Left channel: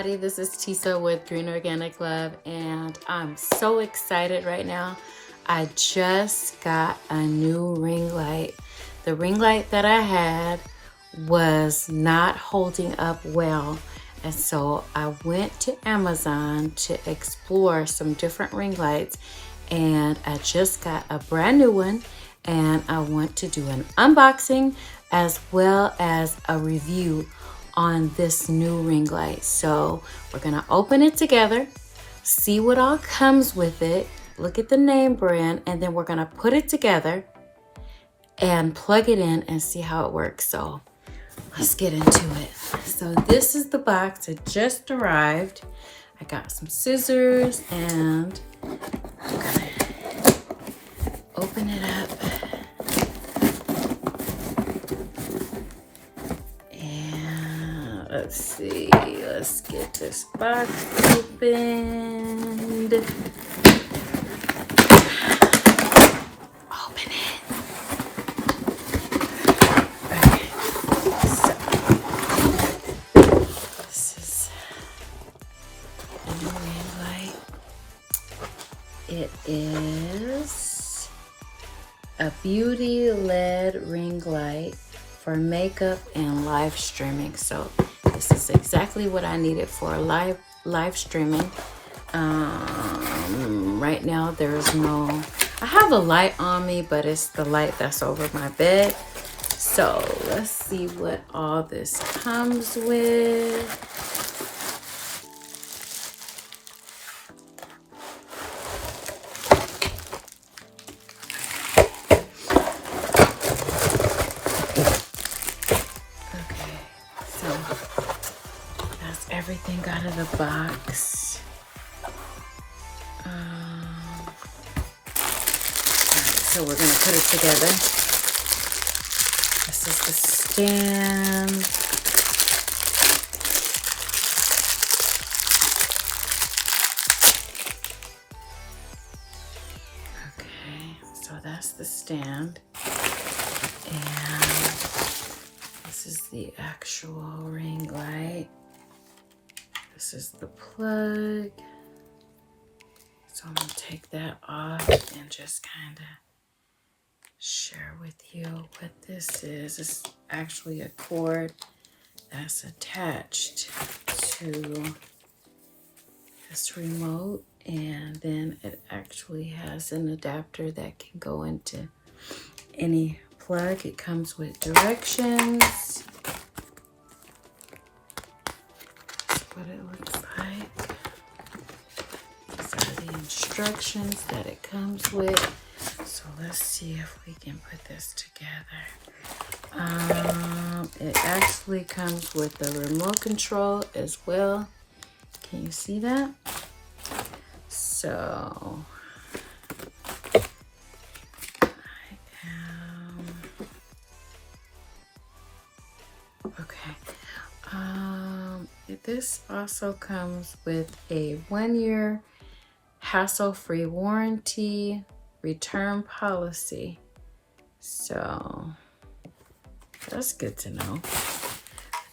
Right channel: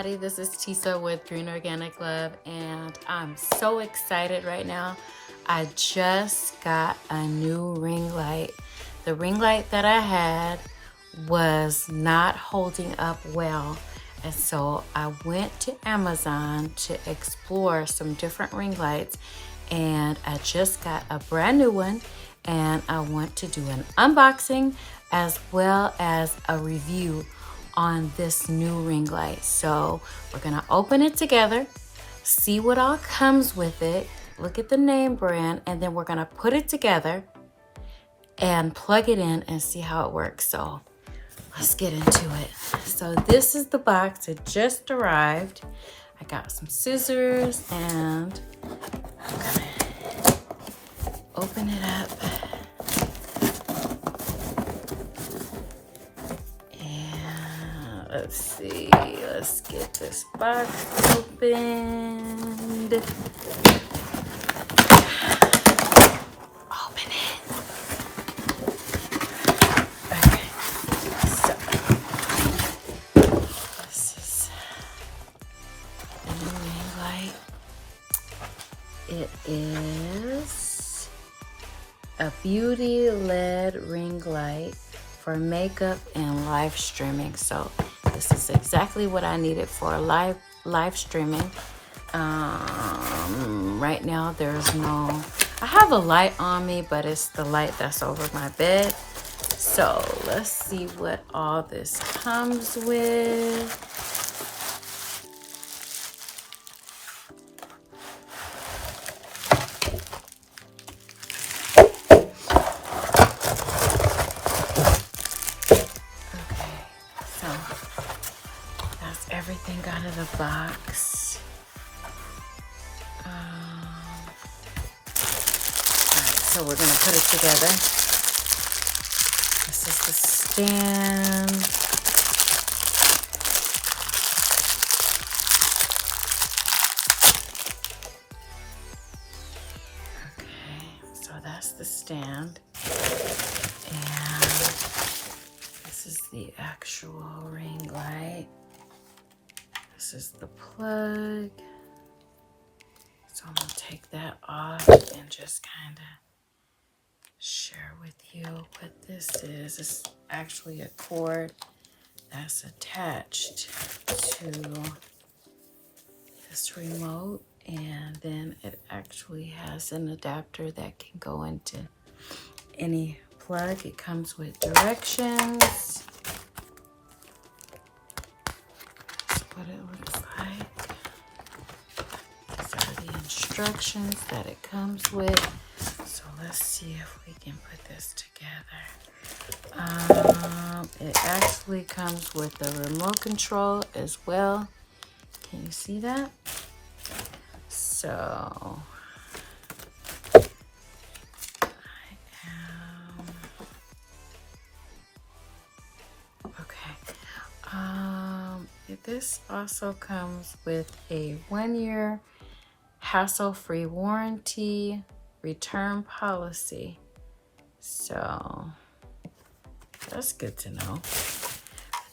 everybody, this is Tisa with Green Organic Love, and I'm so excited right now. I just got a new ring light. The ring light that I had was not holding up well, and so I went to Amazon to explore some different ring lights, and I just got a brand new one, and I want to do an unboxing as well as a review on this new ring light. So we're gonna open it together, see what all comes with it, look at the name brand, and then we're gonna put it together and plug it in and see how it works. So let's get into it. So this is the box. It just arrived. I got some scissors and I'm gonna open it up. Let's see, let's get this box opened. Open it. Okay, so this is the new ring light. It is a beauty LED ring light for makeup and live streaming. So this is exactly what I needed for live streaming. Right now there's no, I have a light on me, but it's the light that's over my bed. So let's see what all this comes with. Everything out of the box. Alright, so we're gonna put it together. This is the stand. Okay, so that's the stand. And this is the actual ring light. This is the plug. So I'm gonna take that off and just kind of share with you what this is. It's actually a cord that's attached to this remote, and then it actually has an adapter that can go into any plug. It comes with directions. What it looks like. These are the instructions that it comes with. So let's see if we can put this together. It actually comes with the remote control as well. Can you see that? So this also comes with a 1-year hassle-free warranty, return policy. So that's good to know.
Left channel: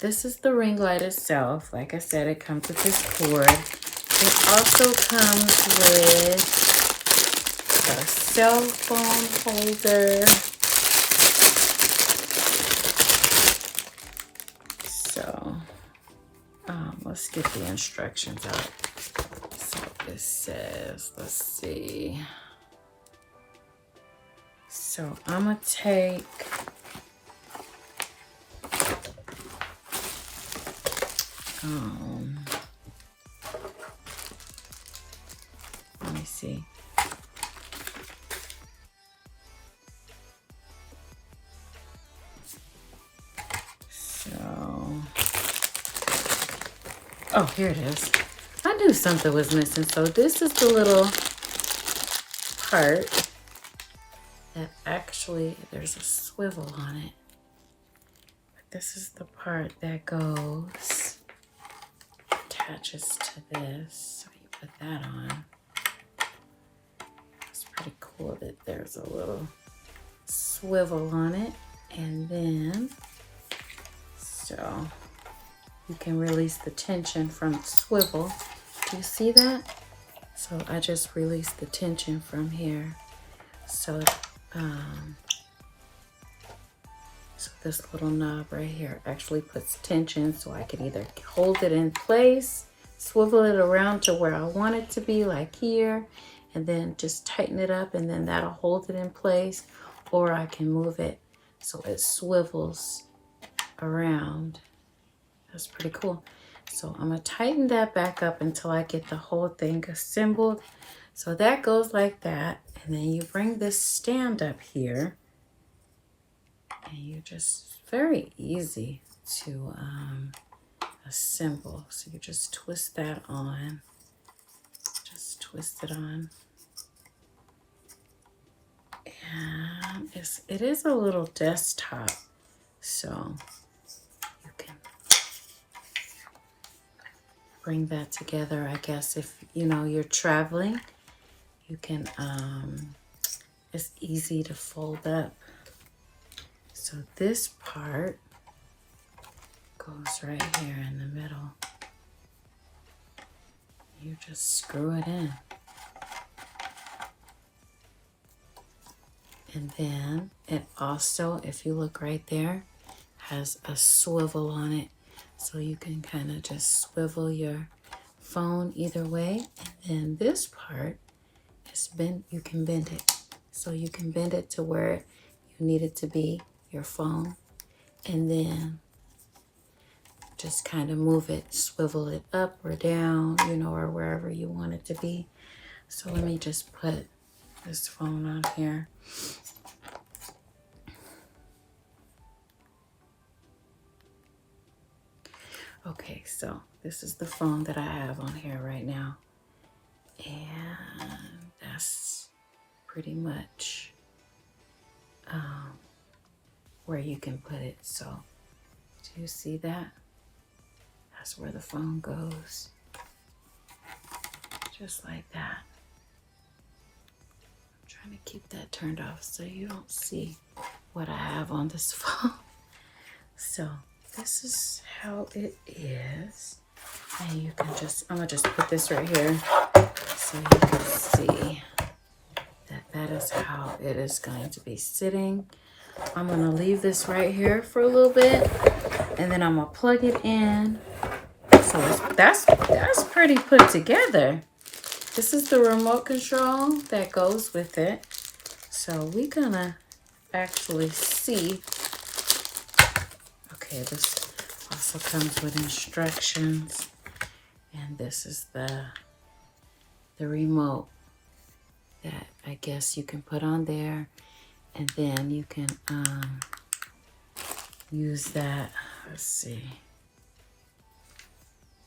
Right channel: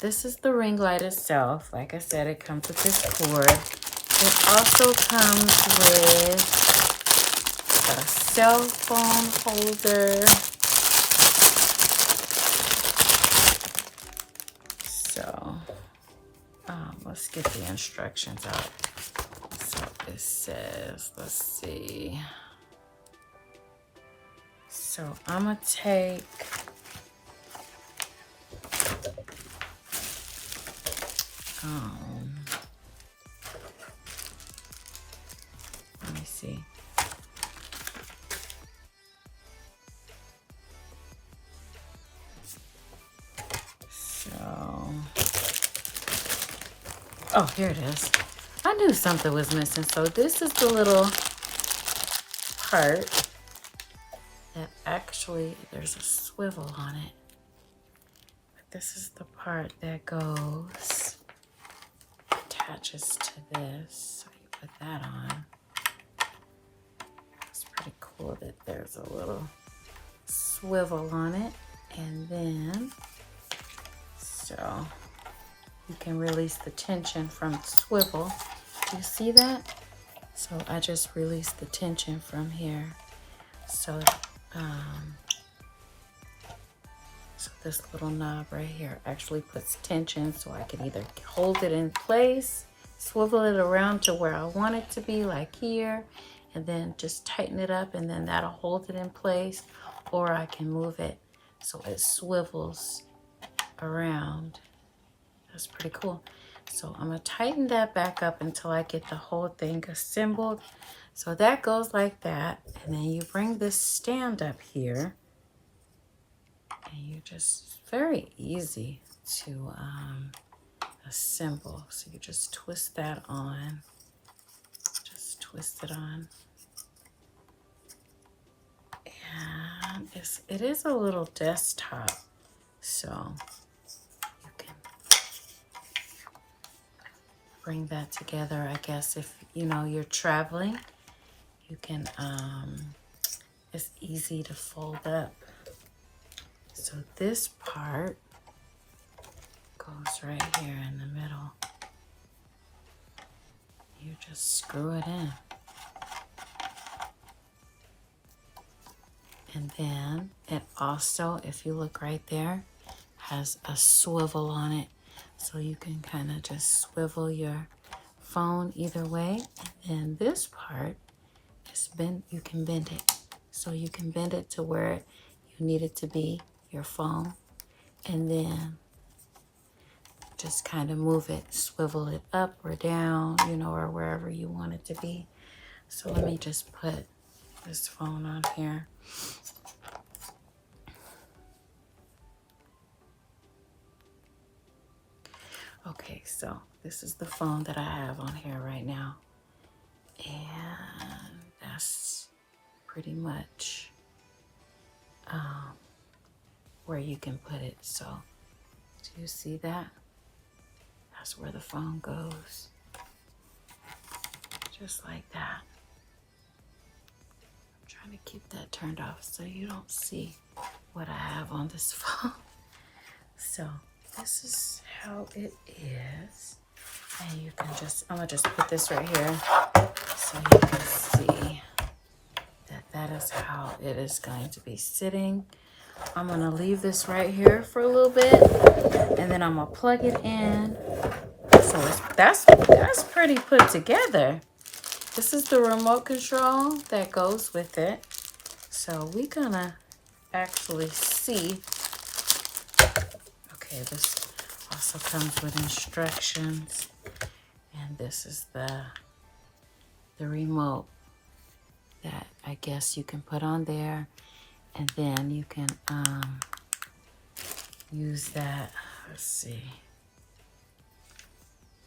This is the ring light itself. Like I said, it comes with this cord. It also comes with a cell phone holder. So let's get the instructions out. So it says, let's see. So I'm gonna take let me see. Oh, here it is. I knew something was missing. So this is the little part that actually, there's a swivel on it. But this is the part that goes, attaches to this. So you put that on. It's pretty cool that there's a little swivel on it. And then, so you can release the tension from the swivel. Do you see that? So I just released the tension from here. So, so this little knob right here actually puts tension, so I can either hold it in place, swivel it around to where I want it to be, like here, and then just tighten it up, and then that'll hold it in place, or I can move it so it swivels around. That's pretty cool. So I'm gonna tighten that back up until I get the whole thing assembled. So that goes like that, and then you bring this stand up here, and you just, very easy to assemble. So you just twist that on, just twist it on. And it is a little desktop, so you can bring that together. I guess if you know you're traveling, you can it's easy to fold up. So this part goes right here in the middle. You just screw it in. And then it also, if you look right there, has a swivel on it. So you can kind of just swivel your phone either way. And then this part is bent, you can bend it. So you can bend it to where you need it to be, your phone. And then just kind of move it, swivel it up or down, you know, or wherever you want it to be. So let me just put this phone on here. Okay, so this is the phone that I have on here right now. And that's pretty much where you can put it. So do you see that? That's where the phone goes. Just like that. I'm trying to keep that turned off so you don't see what I have on this phone. So this is how it is. And you can just, I'm gonna just put this right here so you can see that that is how it is going to be sitting. I'm gonna leave this right here for a little bit, and then I'm gonna plug it in. So that's pretty put together. This is the remote control that goes with it. So we're gonna actually see. Okay, this also comes with instructions, and this is the remote that I guess you can put on there, and then you can use that, let's see,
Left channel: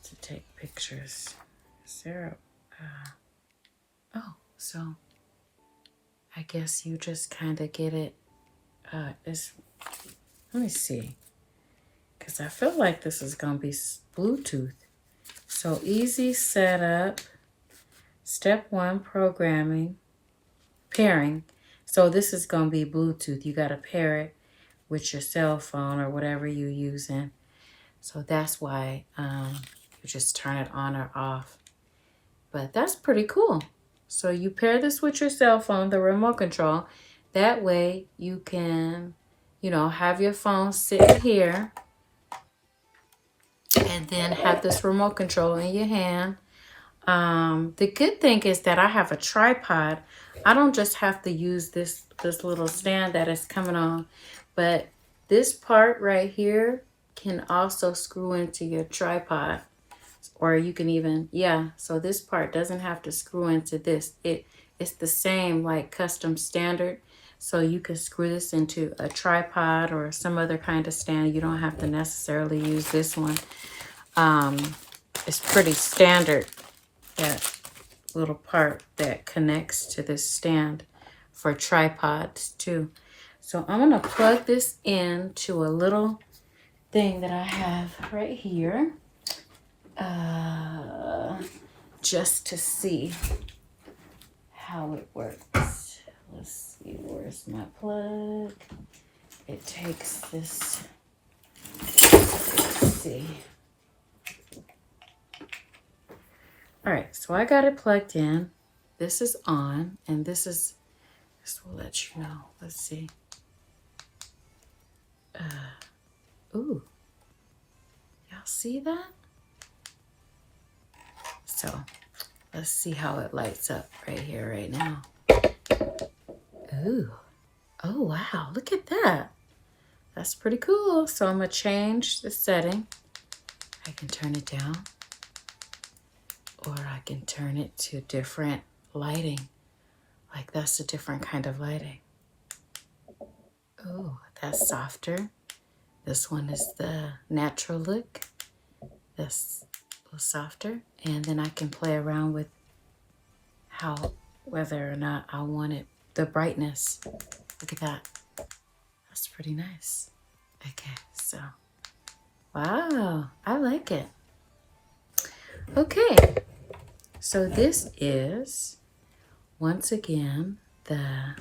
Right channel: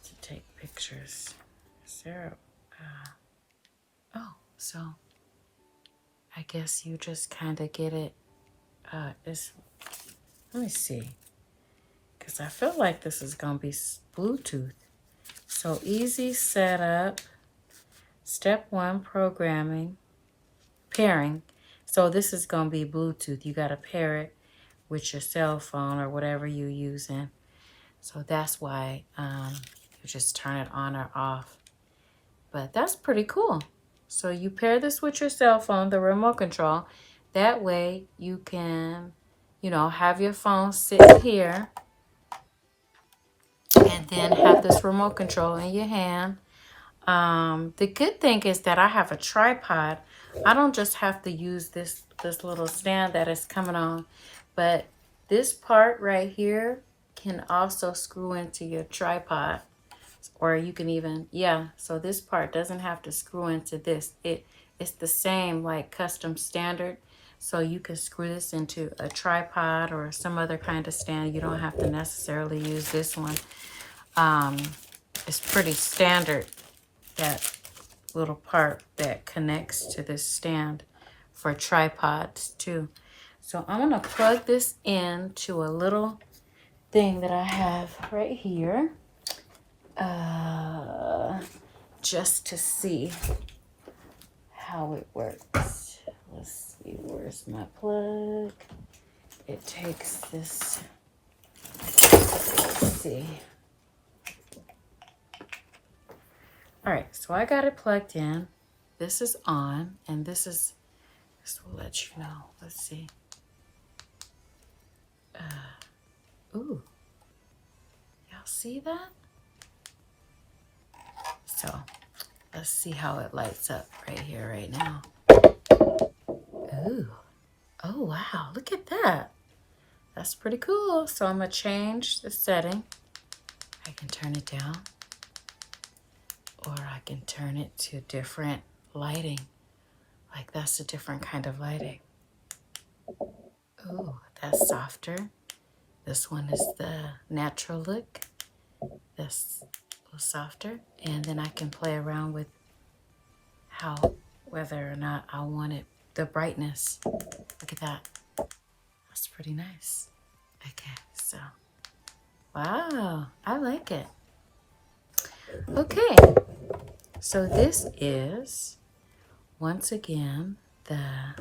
to take pictures. Is there oh, so I guess you just kind of get it, let me see, because I feel like this is going to be Bluetooth. So easy setup, step 1, pairing. So this is going to be Bluetooth. You got to pair it with your cell phone or whatever you're using. So that's why you just turn it on or off. But that's pretty cool. So you pair this with your cell phone, the remote control. That way you can, you know, have your phone sit here and then have this remote control in your hand. The good thing is that I have a tripod. I don't just have to use this little stand that is coming on, but this part right here can also screw into your tripod, or you can even, yeah, so this part doesn't have to screw into this. It's the same like custom standard, so you can screw this into a tripod or some other kind of stand. You don't have to necessarily use this one. It's pretty standard, that little part that connects to this stand for tripods too. So I'm gonna plug this into a little thing that I have right here, just to see how it works. Let's see, where's my plug? It takes this, let's see. All right, so I got it plugged in. This is on, and this will let you know. Let's see. Ooh, y'all see that? So let's see how it lights up right here, right now. Ooh, oh wow, look at that. That's pretty cool. So I'm gonna change the setting. I can turn it down, or I can turn it to different lighting. Like that's a different kind of lighting. Ooh, that's softer. This one is the natural look. That's a little softer. And then I can play around with whether or not I want it, the brightness. Look at that. That's pretty nice. Okay, so, wow, I like it. Okay, so this is, once again, the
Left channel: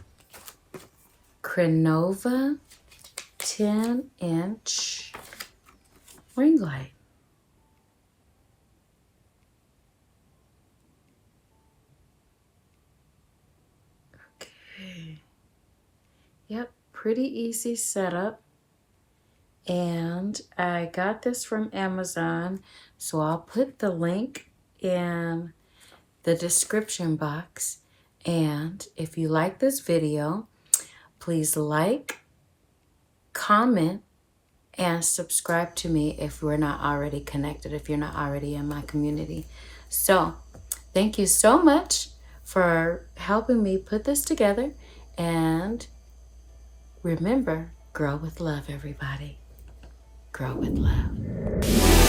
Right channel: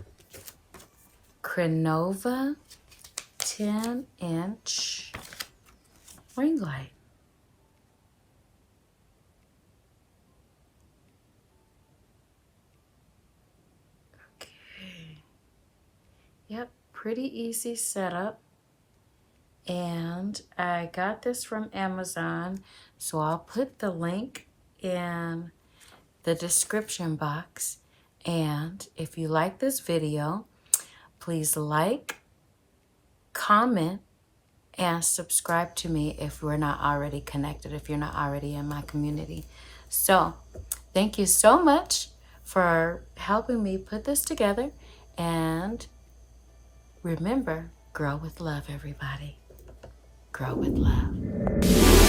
Crenova 10-inch ring light. Okay. Yep, pretty easy setup. And I got this from Amazon, so I'll put the link in the description box. And if you like this video, please like, comment, and subscribe to me if we're not already connected, if you're not already in my community. So thank you so much for helping me put this together. And remember, grow with love, everybody. Grow with love.